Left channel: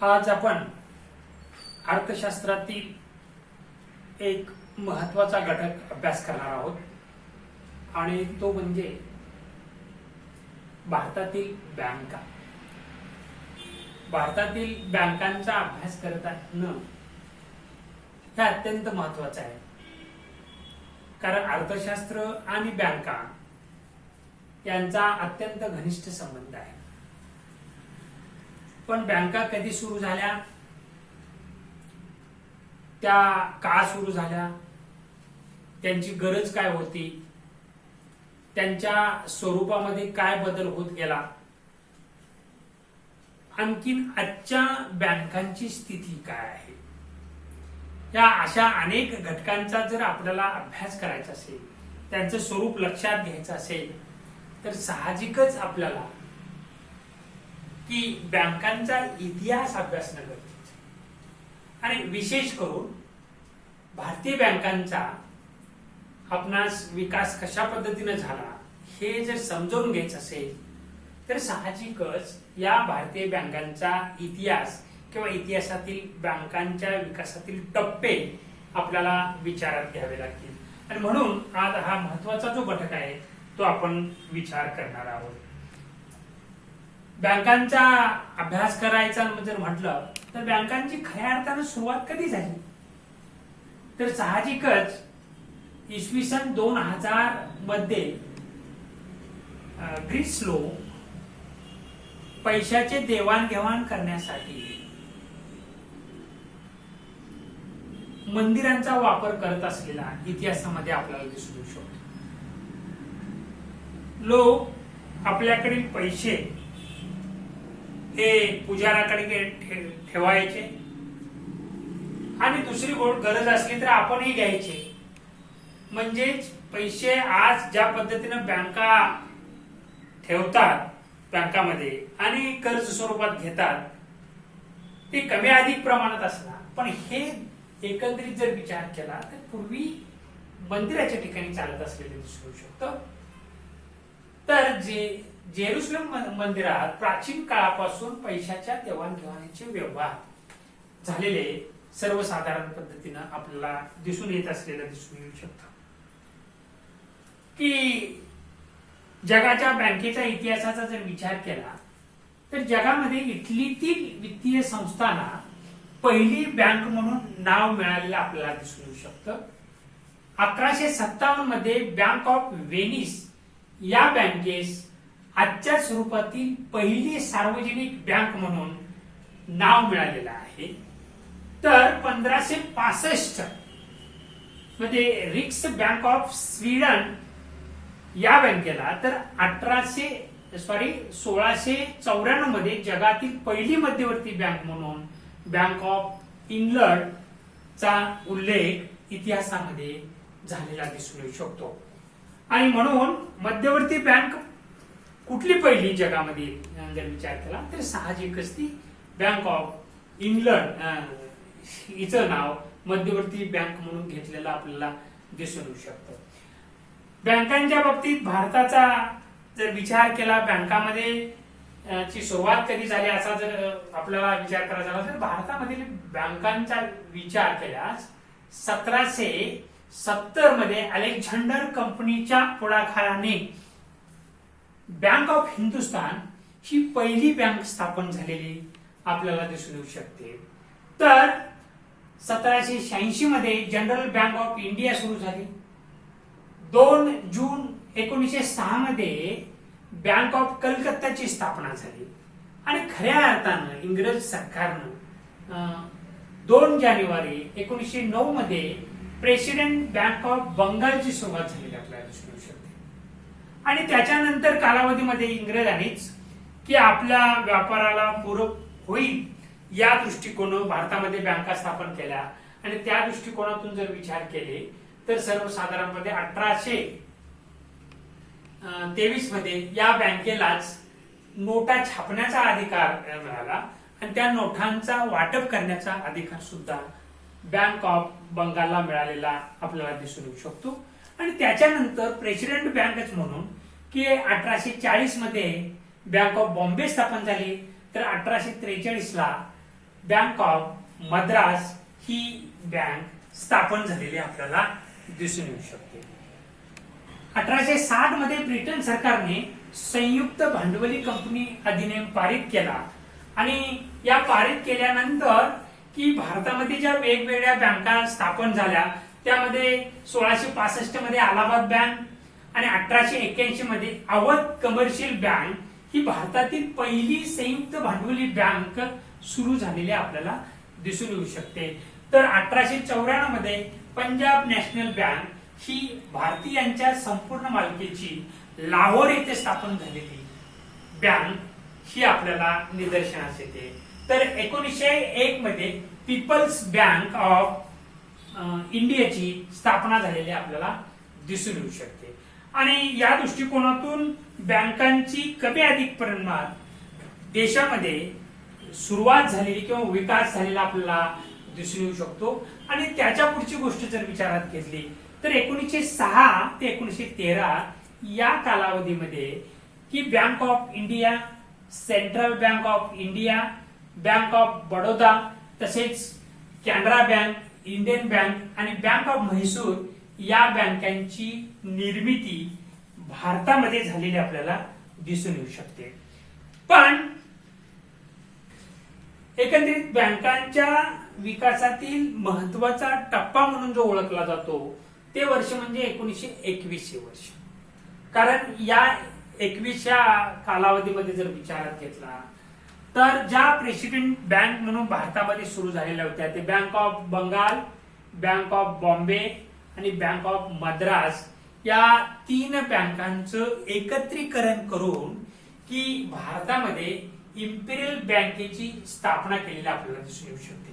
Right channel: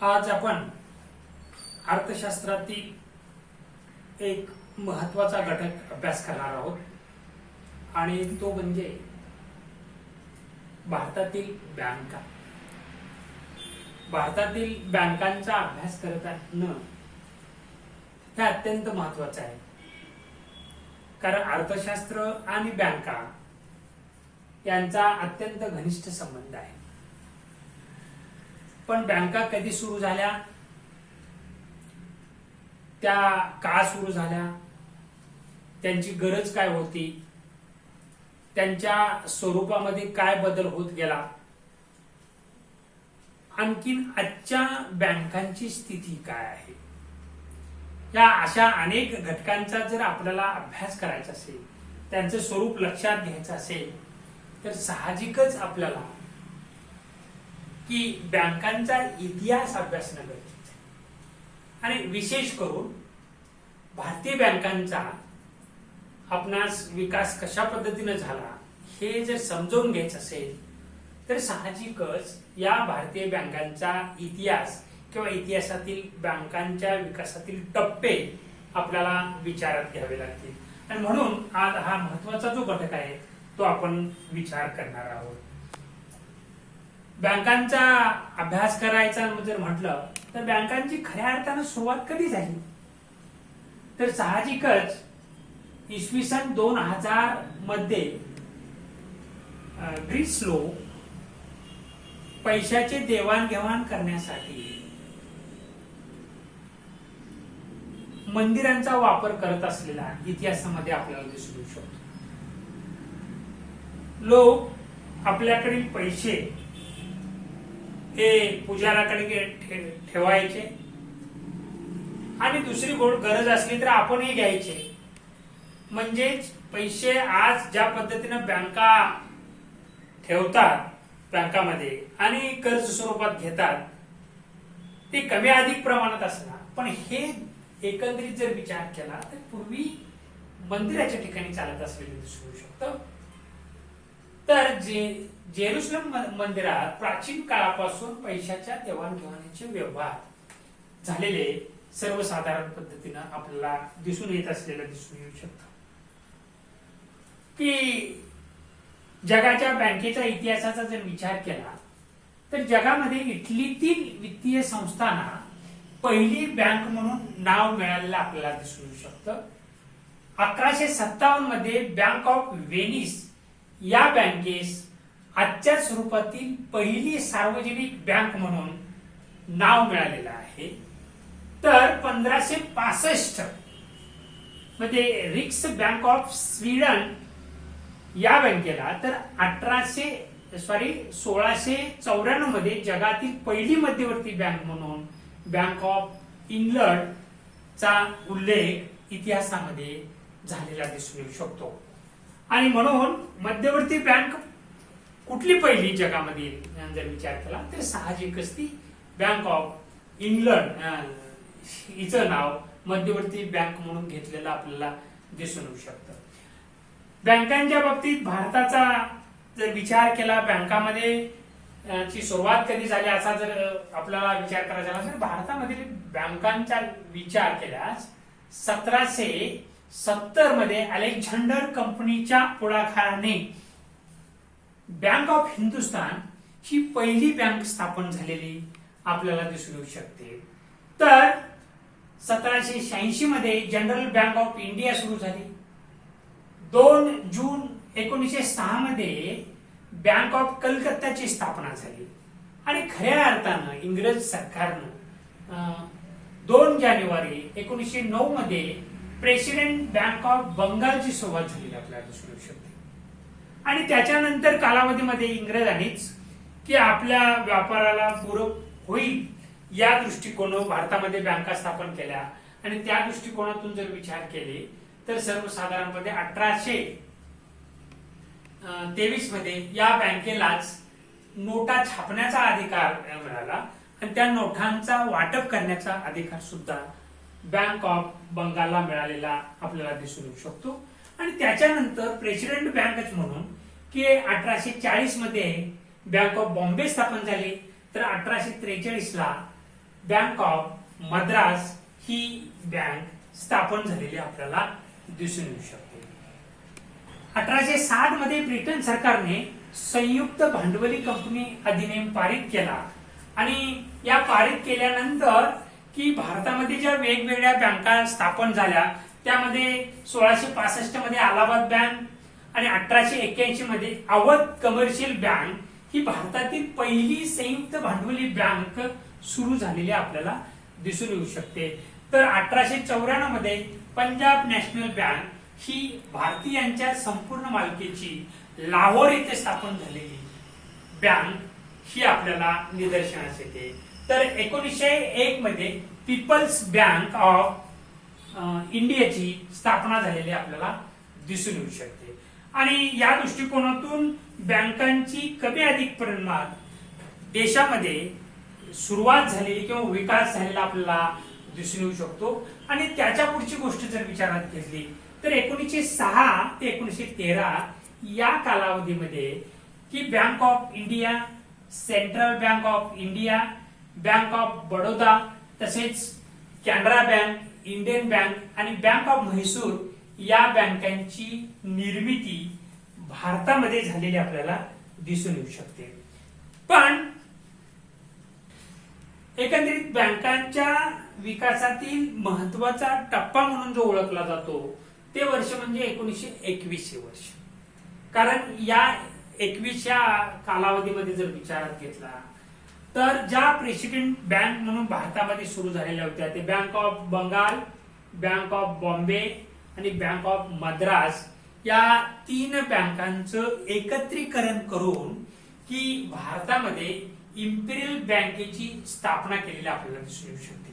आज आपण अर्थशास्त्रातील एक महत्वाचा घटक अभ्यास करणार आहोत आणि तो म्हणजे भारतातील बँका. भारतातील बँकांचा अभ्यास करत असणं हे अत्यंत महत्वाचं आहे, कारण अर्थशास्त्र आणि बँका यांचा अत्यंत घनिष्ठ संबंध आहे. पण बँका कधी सुरू झाल्या, त्या का सुरू झाल्या, त्यांची गरज काय होती, त्यांच्या स्वरूपामध्ये काय बदल होत गेला, आणखीन आजच्या बँकांची स्थिती काय आहे, या अशा अनेक घटकांचा जर आपल्याला अभ्यास करायचा असेल, त्यांचं स्वरूप लक्षात घ्यायचं असेल, तर साहजिकच आपल्याला की बँकांचा इतिहास अभ्यासणं गरजेचं आहे. आणि विशेष करून भारतीय बँकांचा आपणास विकास कशा पद्धतीने झाला हे जर समजून घ्यायचं असेल, तर साहजिकच या भारतीय बँकांचा इतिहास किंवा इतिहासातील बँकांच्या विकासातील टप्पे आपल्याला विचारात घ्यावे लागतील. आणि म्हणून आज हा महत्वाचा जो घटक आहे तो आपण विचार करणार आहोत. बँकांचा अभ्यास करायचा जर म्हटलं तर बँकांची खऱ्या अर्थानं सुरुवात कधी झाली, तर साहजिकच इसवी सन 2000 मध्ये ग्रीस लोक पैशाचे देवाणघेवाण करण्यासाठी मंदिरांचा वापर करत असलेला इतिहासामध्ये आपल्याला दिसून येऊ शकतो. लोक आपल्याकडील पैसे हे पुजाराकडे ठेवायचे आणि दुसरी गरज असली तर आपणही घ्यायचे. म्हणजेच पैसे आज ज्या पद्धतीने बँका ठेवतात बँकामध्ये आणि कर्ज स्वरूपात घेतात ते कमी अधिक प्रमाणात असणार, पण हे एकंदरीत जर विचार केला तर पूर्वी मंदिराच्या ठिकाणी चालत असलेले दिसू शकतं. तर जेरुसलम मंदिरात प्राचीन काळापासून पैशाच्या देवाणघेवाणीचे व्यवहार झालेले सर्वसाधारण पद्धतीनं आपल्याला दिसून येत असलेलं दिसून येऊ शकतं. की जगाच्या बँकेच्या इतिहासाचा जर विचार केला तर जगामध्ये इटलीतील वित्तीय संस्थांना पहिली बँक म्हणून नाव मिळालेलं आपल्याला दिसून येऊ शकतं. 1157 मध्ये बँक ऑफ व्हेनिस या बँकेस आजच्या स्वरूपातील पहिली सार्वजनिक बँक म्हणून नाव मिळालेलं आहे. तर 1565 मध्ये रिक्स बँक ऑफ स्वीडन या बँकेला, तर 1694 मध्ये जगातील पहिली मध्यवर्ती बँक म्हणून बँक ऑफ इंग्लंड चा उल्लेख इतिहासामध्ये झालेला दिसून येऊ शकतो. आणि म्हणून मध्यवर्ती बँक कुठली पहिली जगामध्ये जर विचार केला तर साहजिकच ती बँक ऑफ इंग्लंड हिचं नाव मध्यवर्ती बँक म्हणून घेतलेलं आपल्याला दिसून येऊ शकतं. बँकांच्या बाबतीत भारताचा जर विचार केला, बँकामध्ये ची सुरुवात कधी झाली असा जर आपल्याला विचार करायचा झाला तर भारतामधील बँकांचा विचार केल्यास 1770 मध्ये अलेक्झांडर कंपनीच्या पुढाकाराने बँक ऑफ हिंदुस्तान ही पहिली बँक स्थापन झालेली आपल्याला दिसून येऊ शकते. तर 1786 मध्ये जनरल बँक ऑफ इंडिया सुरू झाली. 2 जून 1906 मध्ये बँक ऑफ कलकत्ताची स्थापना झाली. आणि खऱ्या अर्थानं इंग्रज सरकारनं 2 जानेवारी 1909 मध्ये प्रेसिडेंट बँक ऑफ बंगालची सुरुवात झालेली आपल्याला दिसून येऊ शकते. आणि त्याच्यानंतर कालावधीमध्ये इंग्रजांनीच की आपल्या व्यापाराला पूरक होईल या दृष्टिकोनातून भारतामध्ये बँका स्थापन केल्या. आणि त्या दृष्टिकोनातून जर विचार केले तर सर्वसाधारणपणे 1823 मध्ये या बँकेलाच नोटा छापण्याचा अधिकार मिळाला आणि त्या नोटांचा वाटप करण्याचा अधिकार सुद्धा बँक ऑफ बंगालला मिळालेला आपल्याला दिसून येऊ शकतो. आणि त्याच्यानंतर प्रेसिडेंट बँकच म्हणून की 1840 मध्ये बँक ऑफ बॉम्बे स्थापन झाली. तर 1843 ला bank of Madras he bank स्थापन झालेली आपल्याला दिसून येऊ शकते. 1860 मध्ये ब्रिटन सरकारने संयुक्त भांडवली कंपनी अधिनियम पारित केला आणि या पारित केल्यानंतर की भारतामध्ये ज्या वेगवेगळ्या बँका स्थापन झाल्या त्यामध्ये 1665 मध्ये अलाहाबाद बँक आणि 1881 मध्ये अवध कमर्शियल बँक ही भारतातील पहिली संयुक्त भांडवली बँक सुरू झालेली आपल्याला दिसून येऊ शकते. तर 1894 मध्ये पंजाब नॅशनल बँक ही भारतीयांच्या संपूर्ण मालकीची लाहोर येथे स्थापन झालेली बँक ही आपल्याला निदर्शनास येते. तर 1901 मध्ये पीपल्स बँक ऑफ इंडियाची स्थापना झालेली आपल्याला दिसून येऊ शकते. आणि या दृष्टिकोनातून बँकांची कमी अधिक प्रमाणात देशामध्ये सुरुवात झालेली किंवा विकास झालेला आपल्याला दिसून येऊ शकतो. आणि त्याच्या पुढची गोष्ट जर विचारात घेतली तर 1906 ते 1913 या कालावधीमध्ये की bank of India, central bank of India, bank of Baroda, तसेच कॅनरा बँक, इंडियन बँक आणि बँक ऑफ म्हैसूर या बँकांची निर्मिती भारतामध्ये झालेली आपल्याला दिसून येऊ शकते. पण एकंदरीत बँकांच्या विकासातील महत्वाचा टप्पा म्हणून जो ओळखला जातो ते वर्ष म्हणजे 1921 हे वर्ष. कारण या 21 कालावधीमध्ये जर विचारात घेतला तर ज्या प्रेसिडेंट बँक म्हणून भारतामध्ये सुरू झालेल्या होत्या ते bank of Bengal, bank of Bombay आणि बँक ऑफ मद्रास या 3 बँकांचं एकत्रीकरण करून की भारतामध्ये इम्पिरियल बँकेची स्थापना केलेली आपल्याला दिसून येऊ शकते.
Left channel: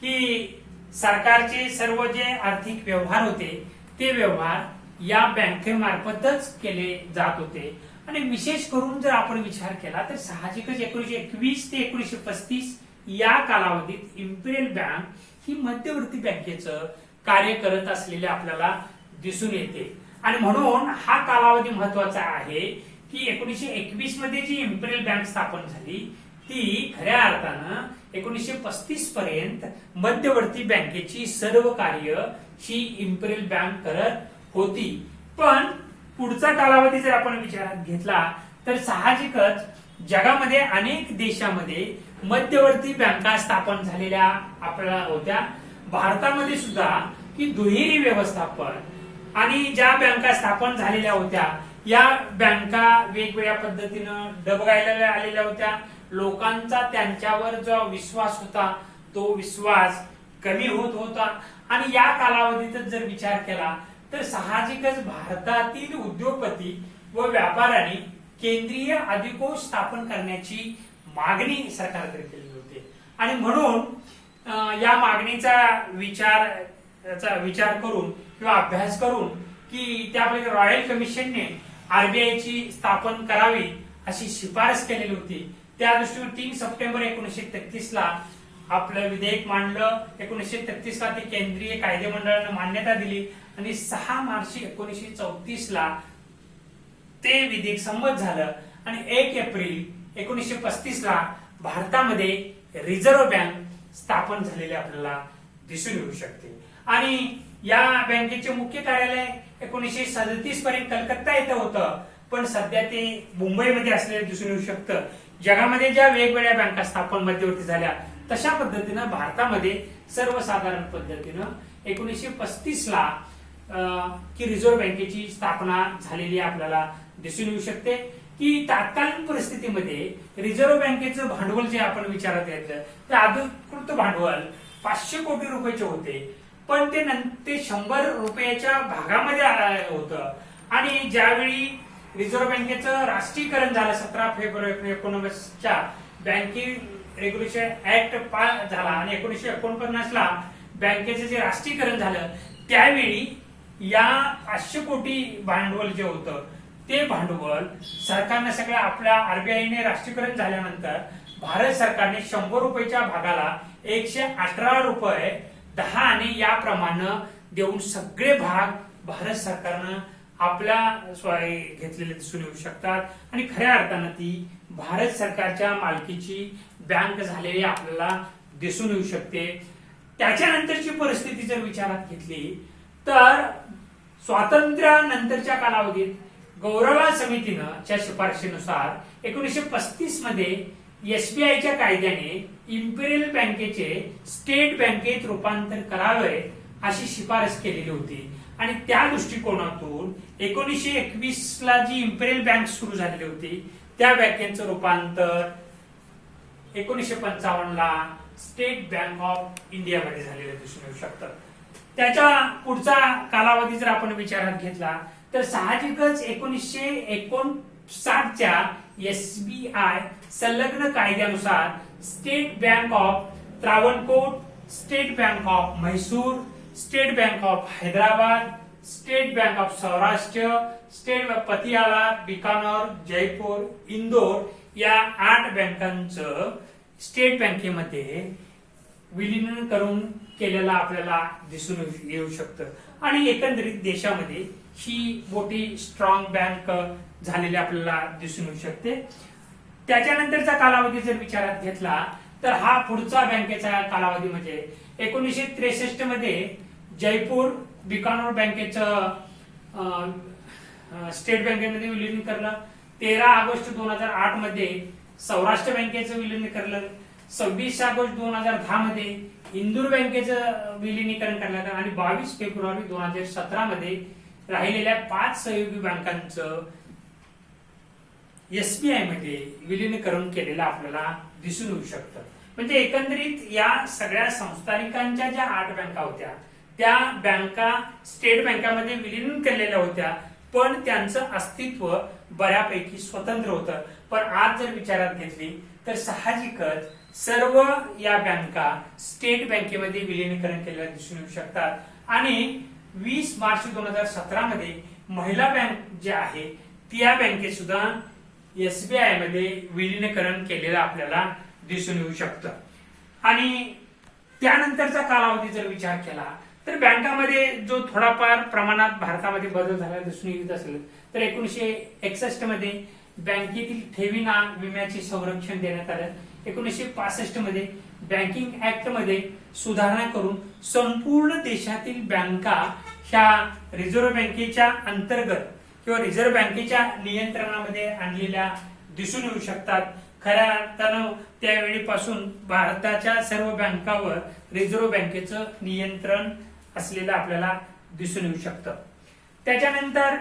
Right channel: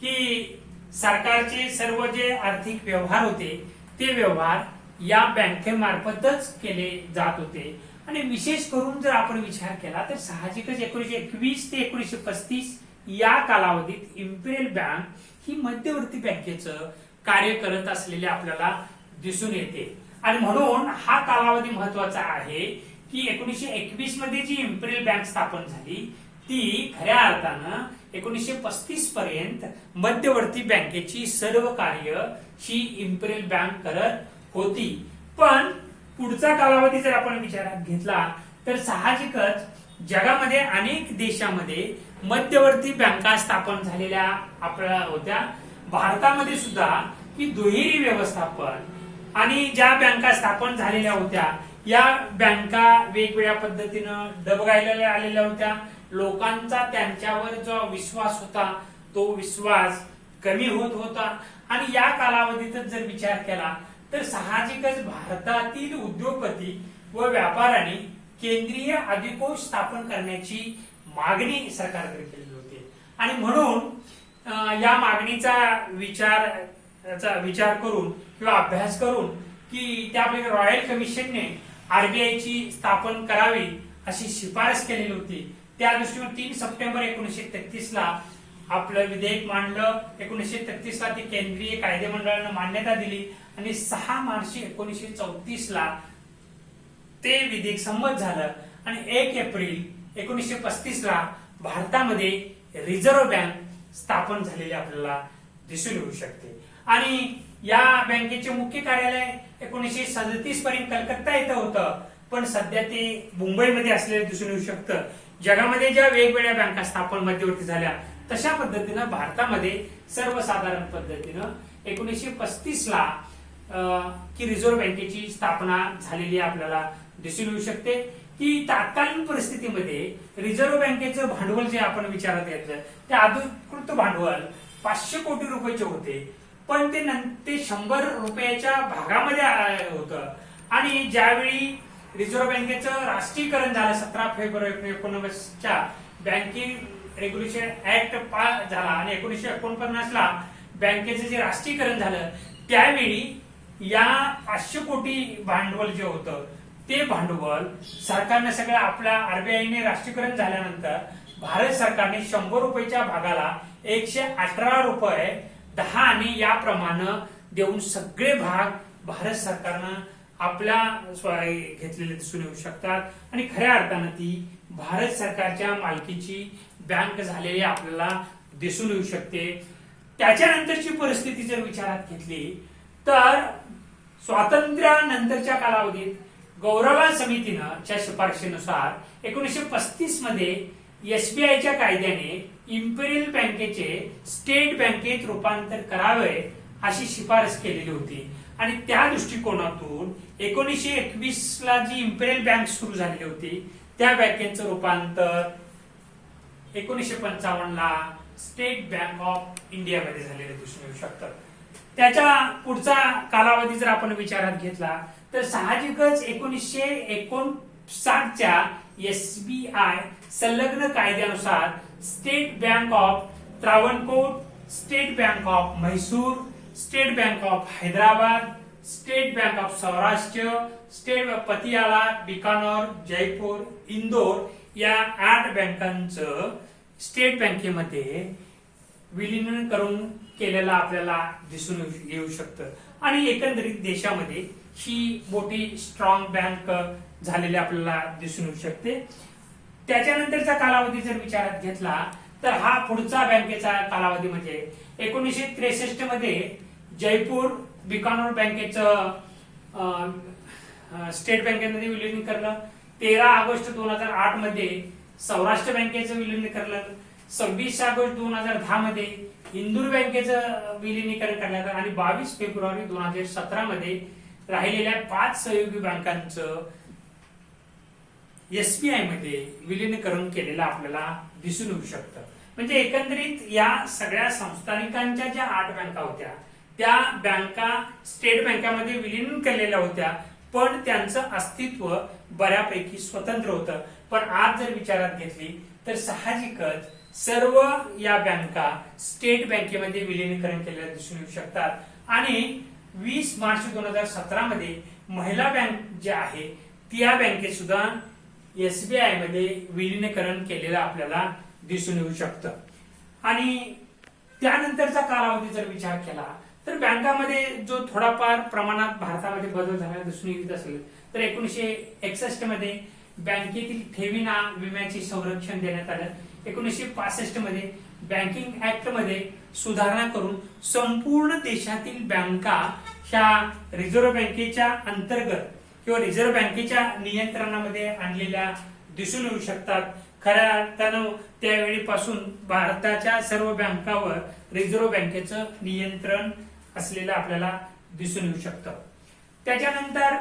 की सरकारचे सर्व जे आर्थिक व्यवहार होते ते व्यवहार या बँकेमार्फतच केले जात होते. आणि विशेष करून जर आपण विचार केला तर साहजिकच 1921 ते 1935 या कालावधीत इम्पिरियल बँक ही मध्यवर्ती बँकेचं कार्य करत असलेले आपल्याला दिसून येते. आणि म्हणून हा कालावधी महत्वाचा आहे की 1921 मध्ये जी इम्पिरियल बँक स्थापन झाली ती खऱ्या अर्थानं 1935 पर्यंत मध्यवर्ती बँकेची सर्व कार्य ही इम्पिरियल बँक करत होती. पण पुढचा कालावधी जर आपण विचारात घेतला तर साहजिकच जगामध्ये अनेक देशामध्ये मध्यवर्ती बँका स्थापन झालेल्या आपल्याला होत्या. भारतामध्ये सुद्धा की दुहेरी व्यवस्थापन आणि ज्या बँका स्थापन झालेल्या होत्या या बँका वेगवेगळ्या पद्धतीनं डबघायला आलेल्या होत्या. लोकांचा त्यांच्यावर जो विश्वास होता तो विश्वास कमी होत होता. आणि या कालावधीतच जर विचार केला तर साहजिकच भारतातील उद्योगपती व व्यापाऱ्यांनी केंद्रीय अधिकोष स्थापन करण्याची मागणी सरकारकडे केली होती. आणि म्हणून या मागणीचा विचार करून किंवा अभ्यास करून की त्यापैकी रॉयल कमिशनने आरबीआयची स्थापन करावी अशी शिफारस केलेली होती. त्या दृष्टीने 3 सप्टेंबर 1933 ला आपलं विधेयक मांडलं. 1933 ला ते केंद्रीय कायदे मंडळाने मान्यता दिली आणि 6 मार्च 1934 ला ते विधेयक संमत झालं. आणि 1 एप्रिल 1935 ला भारतामध्ये रिझर्व्ह बँक स्थापन झालेले आपल्याला दिसून येऊ शकते. आणि या बँकेचे मुख्य कार्यालय 1937 पर्यंत कलकत्ता येथे होतं, पण सध्या ते मुंबईमध्ये असलेलं दिसून येऊ शकतं. जगामध्ये ज्या वेगवेगळ्या बँका स्थापन मध्यवर्ती झाल्या तशा पद्धतीनं भारतामध्ये सर्वसाधारण पद्धतीनं 1935 ला की रिझर्व्ह बँकेची स्थापना झालेली आपल्याला दिसून येऊ शकते. की तत्कालीन परिस्थितीमध्ये रिझर्व्ह बँकेचं भांडवल जे आपण विचारात घेतलं ते अधिकृत भांडवल 500 कोटी रुपयाचे होते, पण ते 100 रुपयाच्या भागामध्ये होतं. आणि ज्यावेळी रिझर्व्ह बँकेचं राष्ट्रीयकरण झालं 17 February 1919 banking regulation act pass झाला आणि 1949 ला बँकेचं जे राष्ट्रीयकरण झालं त्यावेळी या 500 कोटी भांडवल जे होतं ते भांडवल सरकारने सगळं आपल्या आरबीआयने राष्ट्रीयकरण झाल्यानंतर भारत सरकारने 100 रुपयाच्या भागाला 118 रुपये 10 आणि याप्रमाणे देऊन सगळे भाग भारत सरकारनं आपल्या घेतलेले दिसून येऊ शकतात. आणि खऱ्या अर्थानं ती भारत सरकारच्या मालकीची बँक झालेली आपल्याला दिसून येऊ शकते. त्याच्यानंतरची परिस्थिती जर विचारात घेतली तर स्वातंत्र्यानंतरच्या कालावधीत गौरवा समितीनं च्या शिफारशीनुसार 1935 मध्ये एसबीआयच्या कायद्याने इम्पेरियल बँकेचे स्टेट बँकेत रूपांतर करावे अशी शिफारस केलेली होती. आणि त्या दृष्टिकोनातून 1921 ला जी इम्पेरियल बँक सुरू झालेली होती त्या बँकेचं रूपांतर 1955 ला स्टेट बँक ऑफ इंडियामध्ये झालेलं दिसून येऊ शकतं. त्याच्या पुढचा कालावधी जर आपण विचारात घेतला तर साहजिकच 1959 च्या एसबीआय संलग्न कायद्यानुसार State Bank of Travancore, State Bank of Mysore, State Bank of Hyderabad, State Bank of Saurashtra, State Bank Patiala, Bikaner, Jaipur, Indore या 8 बँकांचं स्टेट बँकेमध्ये विलीन करून केलेला आपल्याला दिसून येऊ शकतं. आणि एकंदरीत देशामध्ये ही मोठी स्ट्रॉंग बँक झालेली आपल्याला दिसून येऊ शकते. त्याच्यानंतरचा कालावधी जर विचारात घेतला तर हा पुढचा बँकेचा कालावधी म्हणजे 1963 मध्ये जयपूर बिकानेर बँकेचं स्टेट बँकेमध्ये विलीन करलं. 13 ऑगस्ट 2008 मध्ये सौराष्ट्र बँकेचं विलीन करलं. 26 ऑगस्ट 2010 मध्ये इंदूर बँकेचं विलिनीकरण करण्यात आलं. आणि 22 फेब्रुवारी 2017 मध्ये राहिलेल्या 5 सहयोगी बँकांचं एसबीआय मध्ये विलीनीकरण केलेलं आपल्याला दिसून येऊ शकतं. म्हणजे एकंदरीत या सगळ्या संस्थानिकांच्या ज्या 8 बँका होत्या त्या बँका स्टेट बँकामध्ये विलीन केलेल्या होत्या, पण त्यांचं अस्तित्व बऱ्यापैकी स्वतंत्र होतं. पण आज जर विचारात घेतली तर साहजिकच सर्व या बँका स्टेट बँकेमध्ये विलीनीकरण केलेलं दिसून येऊ शकतात. आणि 20 मार्च 2017 मध्ये महिला बँक जी आहे त्या बँकेत सुद्धा एसबीआय मध्ये विलीनीकरण केलेलं आपल्याला दिसून येऊ शकतं. आणि त्यानंतरचा कालावधी जर विचार केला तर बँकामध्ये जो थोडाफार प्रमाणात भारतामध्ये बदल झाला दिसून येत असेल तर 1961 मध्ये बँकेतील ठेवींना विम्याचे संरक्षण देण्यात आलं. 1965 मध्ये बँकिंग ऍक्ट मध्ये सुधारणा करून संपूर्ण देशातील बँका ह्या रिझर्व्ह बँकेच्या अंतर्गत किंवा रिझर्व्ह बँकेच्या नियंत्रणामध्ये आणलेल्या दिसून येऊ शकतात. खऱ्या अर्थानं त्यावेळीपासून भारताच्या सर्व बँकावर रिझर्व्ह बँकेचं नियंत्रण असलेलं आपल्याला दिसून येऊ शकतं. त्याच्यानंतर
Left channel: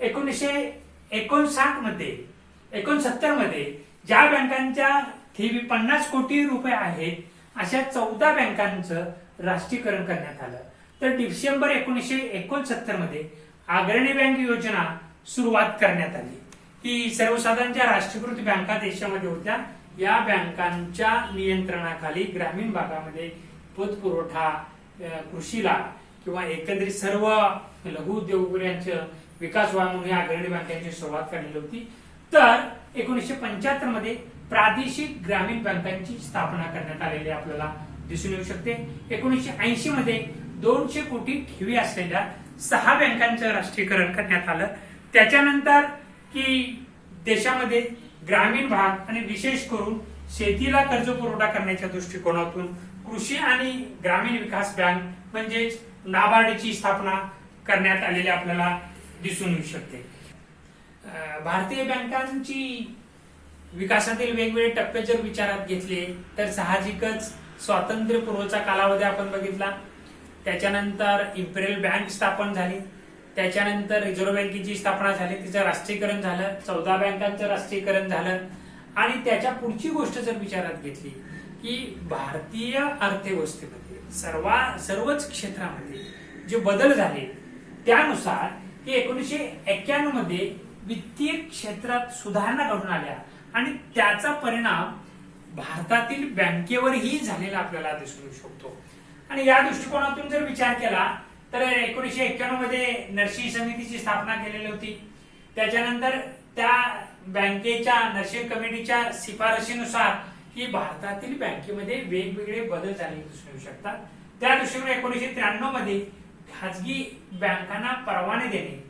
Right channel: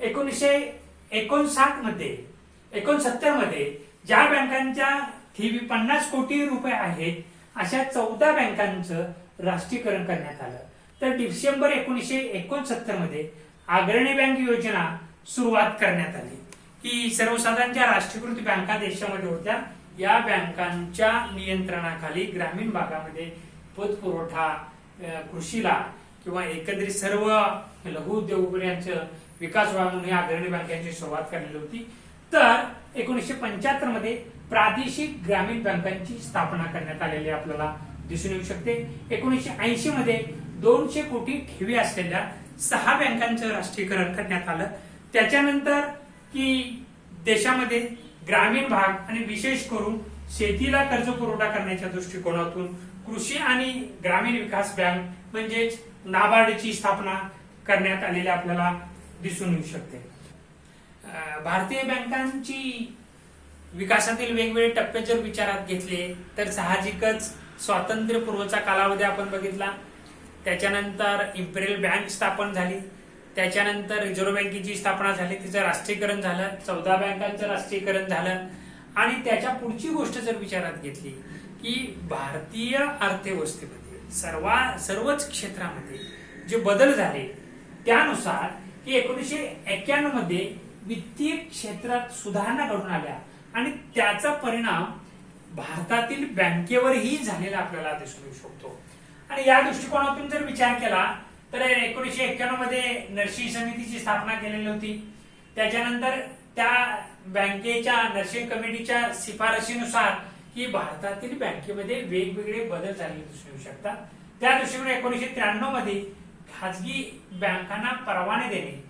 1969 मध्ये ज्या बँकांच्या ठेवी 50 कोटी रुपये आहेत अशा 14 बँकांचं राष्ट्रीयकरण करण्यात आलं. तर डिसेंबर 1969 मध्ये अग्रणी बँक योजना सुरुवात करण्यात आली की सर्वसाधारण ज्या राष्ट्रीयकृत बँका देशामध्ये होत्या या बँकांच्या नियंत्रणाखाली ग्रामीण भागामध्ये पतपुरवठा कृषीला किंवा एकंदरीत सर्व लघु उद्योगांचं विकास व्हावा म्हणून या अग्रणी बँकांची सुरुवात करण्यात होती. तर 1975 मध्ये प्रादेशिक ग्रामीण बँकांची स्थापना करण्यात आलेली आपल्याला दिसून येऊ शकते. 1980 मध्ये 200 कोटी ठेवी असलेल्या 6 बँकांचं राष्ट्रीयकरण करण्यात आलं. त्याच्यानंतर की देशामध्ये ग्रामीण भाग आणि विशेष करून शेतीला कर्ज पुरवठा करण्याच्या दृष्टिकोनातून कृषी आणि ग्रामीण विकास बँक म्हणजेच नाबार्डची स्थापना करण्यात आलेली आपल्याला दिसून येऊ शकते. भारतीय बँकांची विकासातील वेगवेगळे टप्पे जर विचारात घेतले तर साहजिकच स्वातंत्र्यपूर्वचा कालावधी आपण बघितला. त्याच्यानंतर इम्पेरियल बँक स्थापन झाली. त्याच्यानंतर रिझर्व्ह बँकेची स्थापना झाली, तिचं राष्ट्रीयकरण झालं. 14 बँकांचं राष्ट्रीयकरण झालं. आणि त्याच्या पुढची गोष्ट जर विचारात घेतली की भारतीय अर्थव्यवस्थेमध्ये सर्वच क्षेत्रामध्ये जे बदल झाले त्यानुसार की 1991 मध्ये वित्तीय क्षेत्रात सुधारणा घडून आल्या आणि त्याचा परिणाम भारतातील बँकेवरही झालेला आपल्याला दिसून येऊ शकतो. आणि या दृष्टिकोनातून जर विचार केला तर 1991 मध्ये नरसी समितीची स्थापना केलेली होती. त्याच्यानंतर त्या बँकेच्या नरसी कमिटीच्या शिफारशीनुसार ही भारतातील बँकेमध्ये वेगवेगळे बदल झालेले दिसून येऊ शकतात. त्या दृष्टीने 1993 मध्ये खाजगी बँकांना परवाने देणे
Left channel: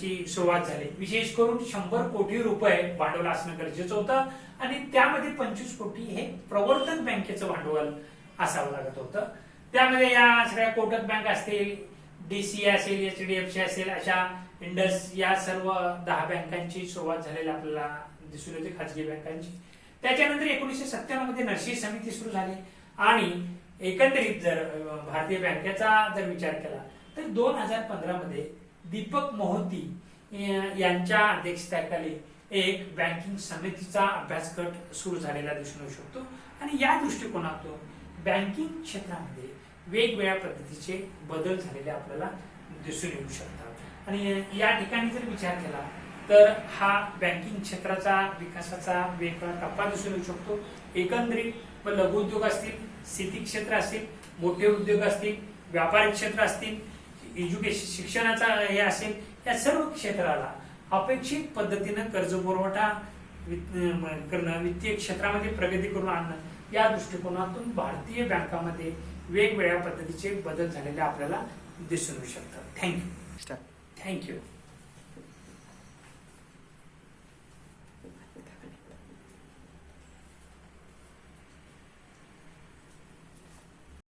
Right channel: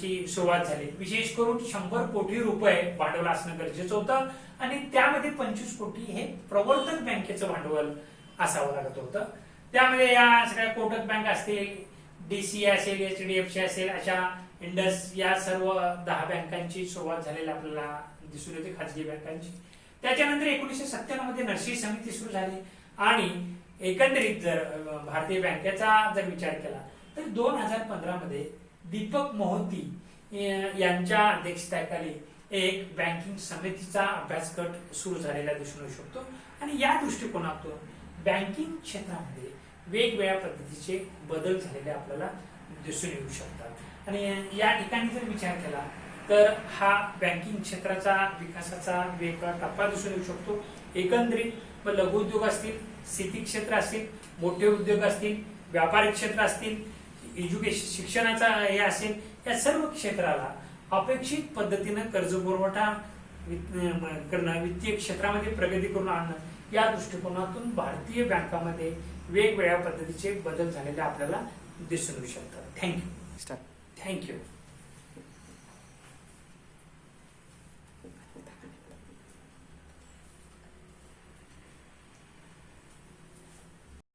ची सुरुवात झाली. विशेष करून 100 कोटी रुपये भांडवल असणं गरजेचं होतं आणि त्यामध्ये 25 कोटी हे प्रवर्तन बँकेचं भांडवल असावं लागत होतं. त्यामध्ये या सगळ्या कोटक बँक असतील, डीसीए असेल, एचडीएफसी असेल, अशा इंडस या सर्व 10 बँकांची सुरुवात झालेली आपल्याला दिसून येते, खाजगी बँकांची. त्याच्यानंतर 1997 मध्ये नरसी समिती सुरू झाली आणि एकंदरीत जर भारतीय बँकेचा जर विचार केला तर 2015 मध्ये दीपक मोहंती यांच्या अध्यक्षतेखाली एक बँकिंग समितीचा अभ्यास गट सुरू झालेला दिसून येऊ शकतो आणि या दृष्टिकोनातून बँकिंग क्षेत्रामध्ये वेगवेगळ्या पद्धतीचे बदल झालेले आपल्याला दिसून येऊ शकतात. आणि या ठिकाणी जर विचार केला तर हा बँकिंग क्षेत्राचा विकासाचा वेगळा टप्पा दिसून येऊ शकतो. एकंदरीत लघु उद्योग असतील, शेती क्षेत्र असतील, मोठे उद्योग असतील, व्यापारिक क्षेत्र असतील, एज्युकेशन शिक्षणाचा हे असेल, या सर्व क्षेत्राला अपेक्षित पद्धतीनं कर्ज पुरवठा करणं, वित्तीय क्षेत्रामध्ये प्रगती करून आणणं, या दृष्टिकोनातून भारतीय बँकामध्ये वेगवेगळ्या पद्धतीचे बदल झालेले आपल्याला दिसून येऊ शकतात. थँक्यू.